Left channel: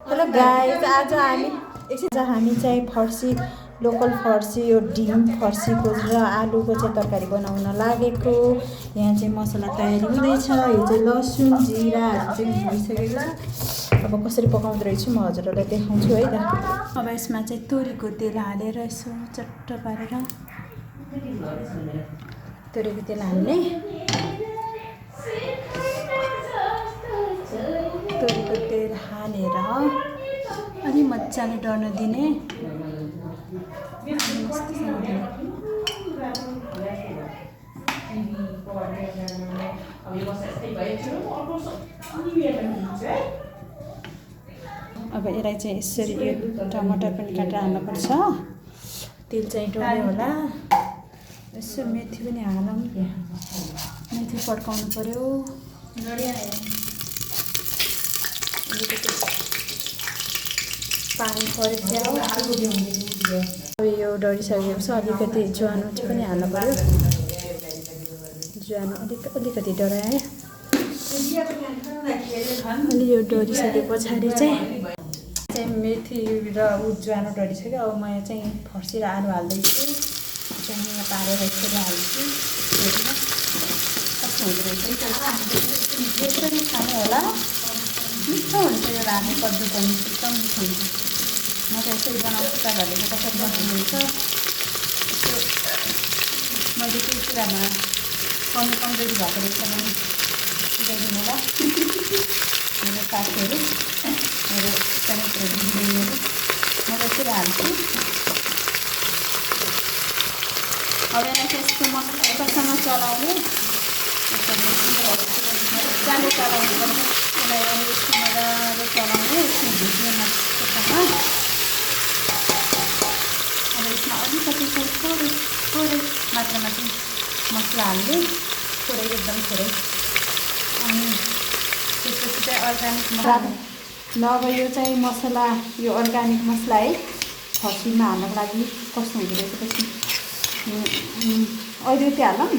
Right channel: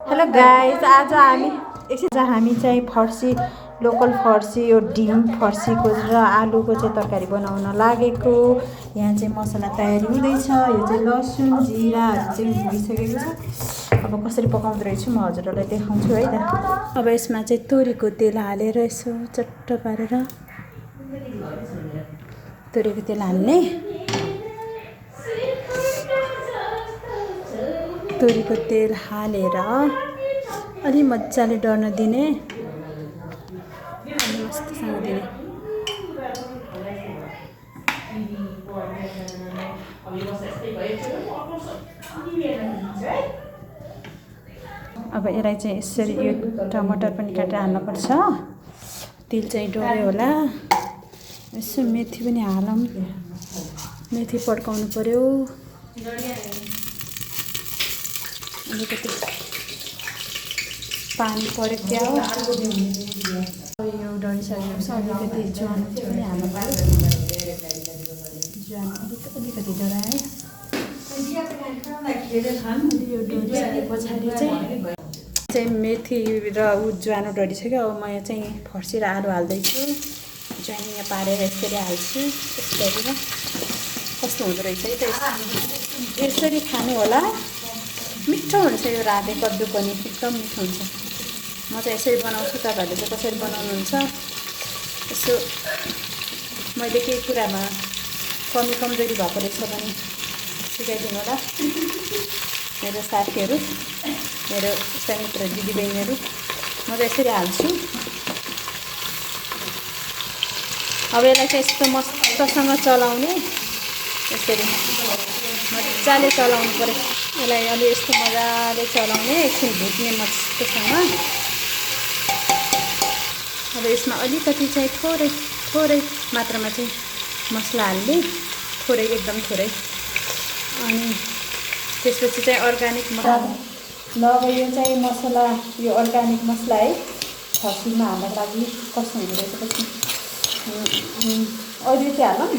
Hello guys, आज हामी चाहिँ फर्सी लोकल फर्सी यो ढिम फर्सीको र आलुको चाहिँ तरकारी बनाउन लागेको। यहाँ चाहिँ मसला तयारी हुँदैछ। यो चाहिँ लसुन जिराहरू चाहिँ भइसकेको छ। अब कसरी पकाउँदो रहेछु म हजुरहरूलाई देखाउँछु है त। अब यसमा चाहिँ तोरीको तेल हालेर यसो चट्ट पारेर तोरीको तेल हाल्ने। तोरीको तेल हालेर अलि मजाले डढ्न दिने। अब यसलाई चाहिँ यसरी यो टमाटर पनि काटेर हाल्नुपर्छ। तेल चाहिँ डढ्यो होला। यसो मेथी पनि हालौँ। मेथी पड्काउनु पर्यो। अलिकति पानी पड्क्यो। अब यो डढिसकेपछि अलिकति ज्वानो चाहिँ पनि हाल्नु पर्यो। ज्वानो अलिकति डढाएँ। अनि यो डढिसके पछाडि चाहिँ मेथी र ज्वानो डढिसक्यो। अब म यहाँ चाहिँ फर्सी र आलु हाल्दैछु। ज्वानो यहाँ पारेर यसरी हाल्छु। कस्तो हुँदो रहेछ है। यसरी खानु होला। मिठो हुन्छ यो राते कद्दु पनि एकदम मिठो हुन्छ। म त यसरी बनाउँछु। तपाईँहरूले चाहिँ कसरी बनाउनुहुन्छ यसो मैले केही कुरामा कमजोरी भएको रहेछ भने सिकाइदिनु ल। मेरो साथीहरू, मेरो सानो दिदीबहिनीहरू, म त यसरी हाल्छु। अब यसलाई चाहिँ यस्तो मजासँग चलाउने। यसरी मजाले चलाउनु पर्यो। यसलाई अलि यस्तो मजाले चलाउने। एकछिन भुट्ने मजासँग। अब यसमा अलिकति चाहिँ थोरै मात्रामा चाहिँ मसला हाल्ने। थोरै, एकदम थोरै। अनि त्यसपछि चाहिँ अर्ग्यानिक मसला ल। अब यो चाहिँ मसला, यो अर्ग्यानिक मसला है फर्सीमा हाल्नको लागि कस्तो हुँदो रहेछ पछि अहिले त्यो हालौँ।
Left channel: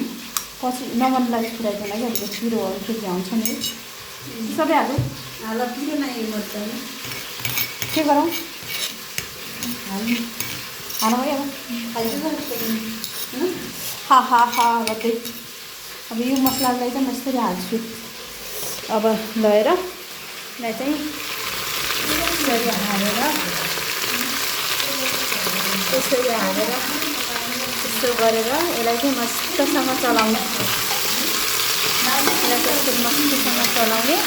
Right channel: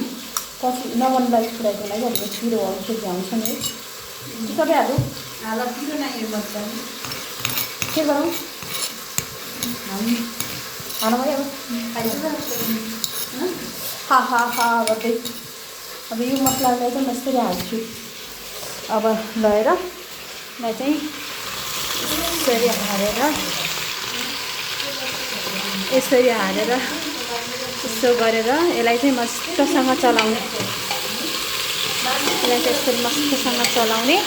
पछि नगर्नुलाई खुलाइदिनु लागि अब पिरोहरू के भ्याउँछ नि सबै हाल पिरो नै यो गर्दा के गरौँ हालौँ है। अब गर्दै अब यो मसलालाई चाहिँ म यसरी हाल्छु। अब लगाएर यसलाई चाहिँ यसरी हालेर यसो गरेर यसलाई चाहिँ मस्तसँग चलाउने। यसलाई चाहिँ यसरी मस्तसँग चलाउने।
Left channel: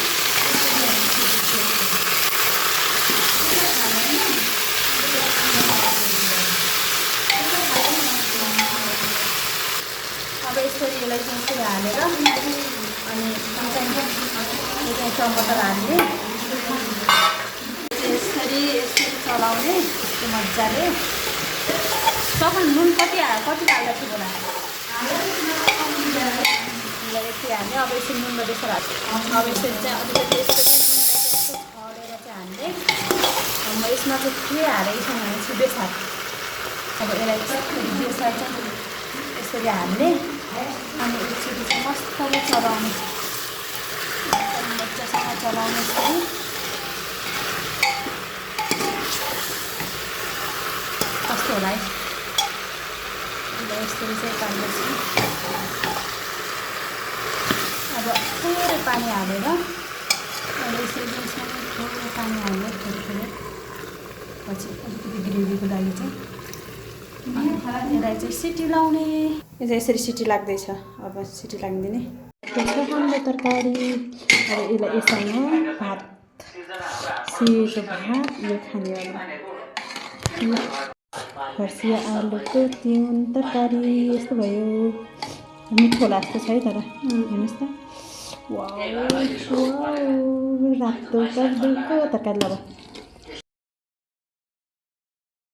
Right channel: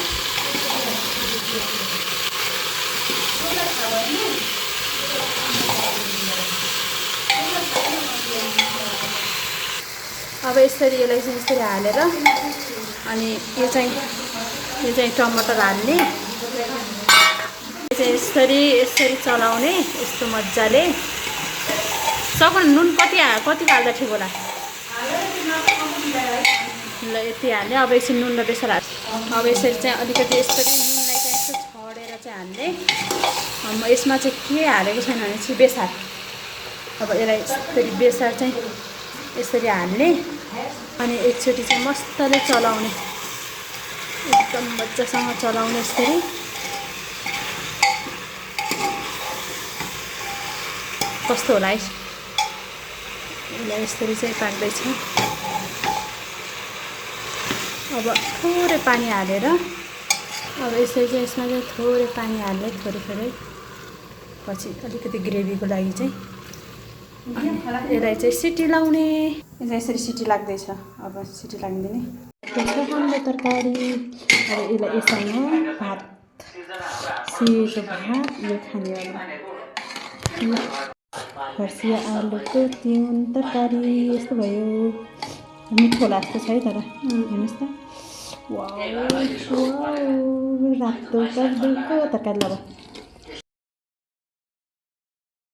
अब यसरी यसलाई चाहिँ यसरी हालेर अनि यो चाहिँ टमाटर हाल्ने। यसरी चलाउने यस्तो मजाले। तपाईँ नुन कति हाल्दा ठिक होला? ल यति हाल्ने। अब यसरी नुन र बेसार हाल्छ। अब यसरी चाहिँ अलिकति यसरी नुनलाई चाहिँ यस्तो छडेर चाहिँ हाल्ने। म यसमा चाहिँ के हालेको छैन भने चाहिँ बेसार। अब यसलाई बेसार चाहिँ यसरी हाल्ने। अनि एकचोटि चाहिँ मजाले चलाउने। एकदम मजासँग चलाउने यसरी। कस्तो होला है। यसरी चाहिँ पाक्दैछ। अब थोरै पानी हालेर अब यसरी चाहिँ यसमा चाहिँ थोरै पानी हालेर थोरै पछि अलिकति ग्रेभीको लागि चाहिँ यसलाई चाहिँ सिटी लाउने। यो चाहिँ यसरी सिटी लाग्दैछ। अब सिटी लाग्दिने। हाम्रो तरकारी। अब यसलाई यससँग भात, सेतो भात यो खानेवाला फर्सी आलुको तिउन तरकारी यस्तो भयो। मिठो लाग्छ है तर हेर्नुहोस् त। वाउ रातो कद्दुको तरकारी। ल